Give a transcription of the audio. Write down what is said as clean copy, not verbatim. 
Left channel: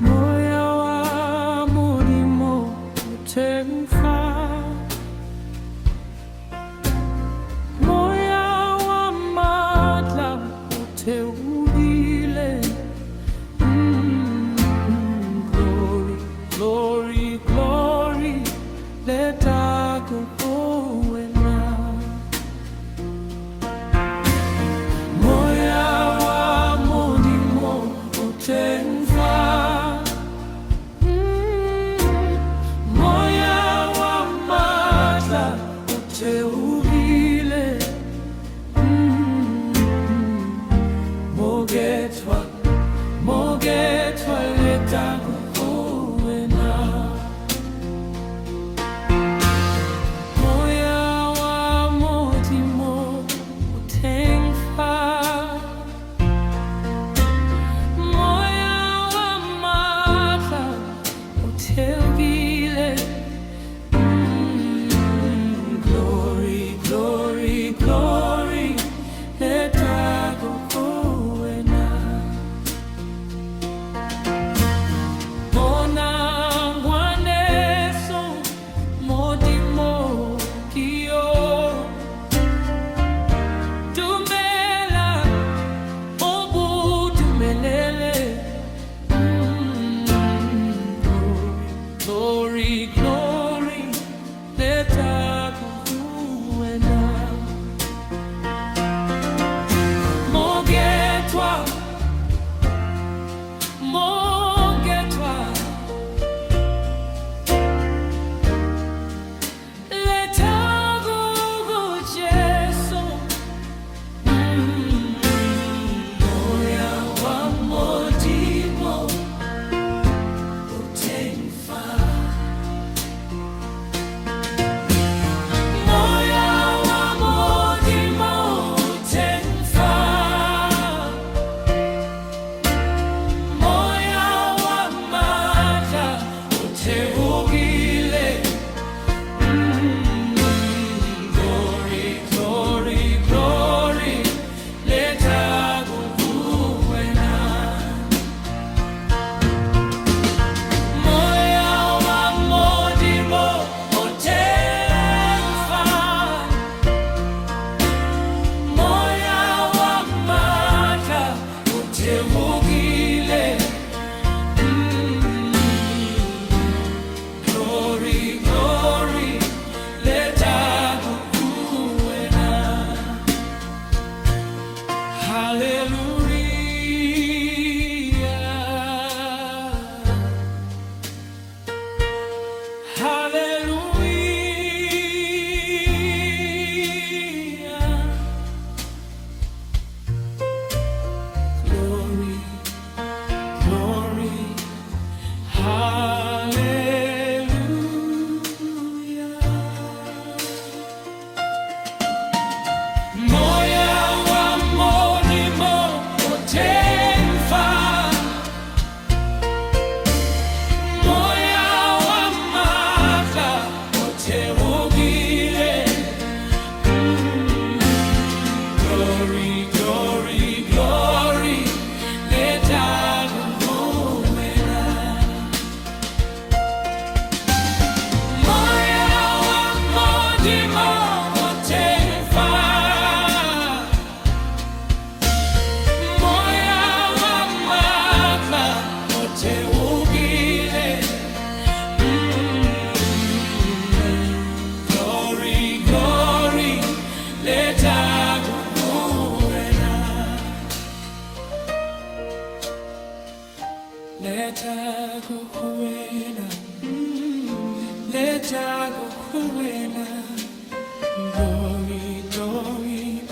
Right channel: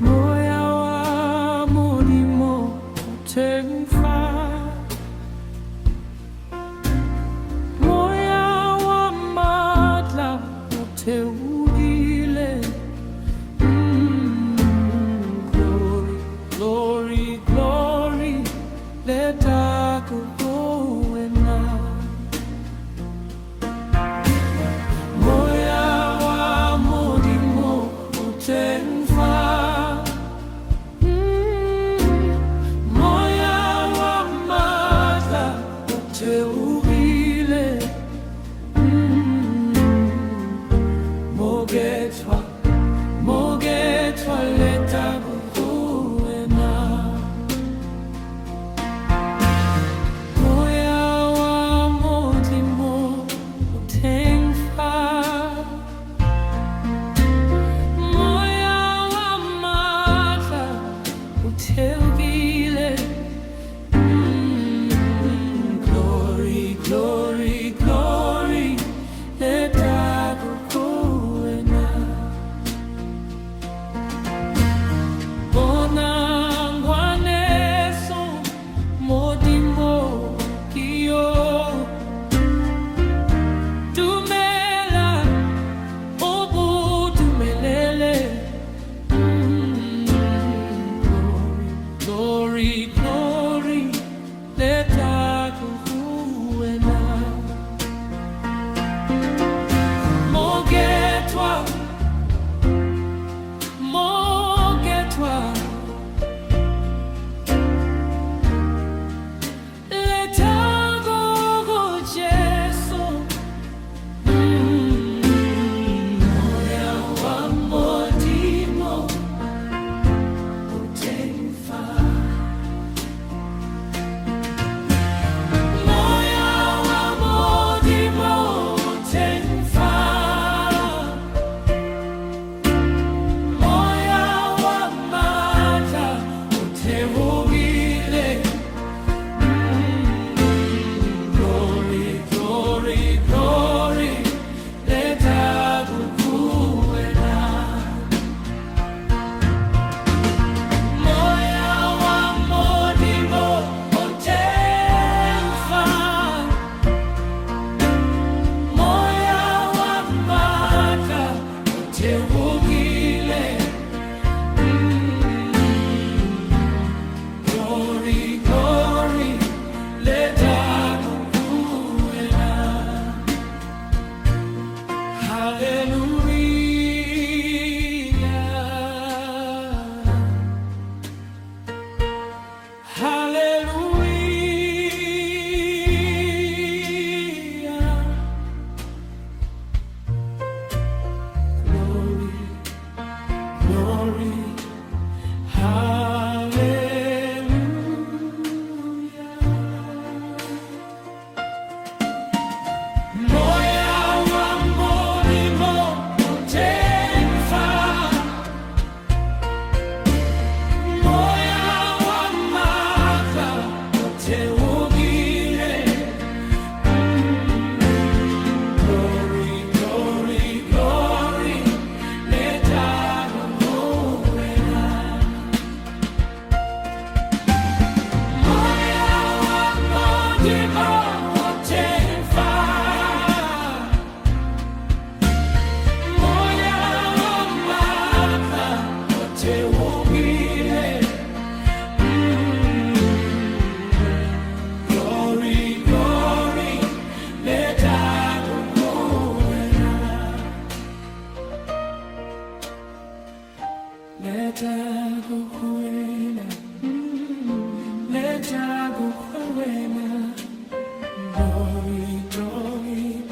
Moya wa mulimo utemfa, moya wa matla uteudile. Glory, glory, glory, leta kukuwena. Moya wa mulimo utemfa, teugile. Mogetwa, mogetwa leta kukuwena. Moya wa mulimo utemfa, moya wa matla uteugile. Glory, glory, leta kukuwena. Bona ngwaneso modimo kio, tumela obu tumelele. Glory, glory, glory, leta kukuwena. Mogetwa, mogetwa, leta kuku Jesu. Moya wa mulimo utemfa, moya wa mulimo utemfa, moya wa matla uteugile. Glory, glory, glory, leta kukuwena. Moya wa mulimo utemfa, moya wa matla uteugile. Glory, glory, leta kukuwena. Hallelujah, hallelujah. Glory, glory, hallelujah. Moya wa mulimo utemfa, moya wa matla uteugile. Glory, glory, glory, leta kukuwena. Moya wa mulimo utemfa, moya wa matla uteugile. Glory, glory, leta kukuwena. Leta kukuwena, leta kukuwena. Glory, glory,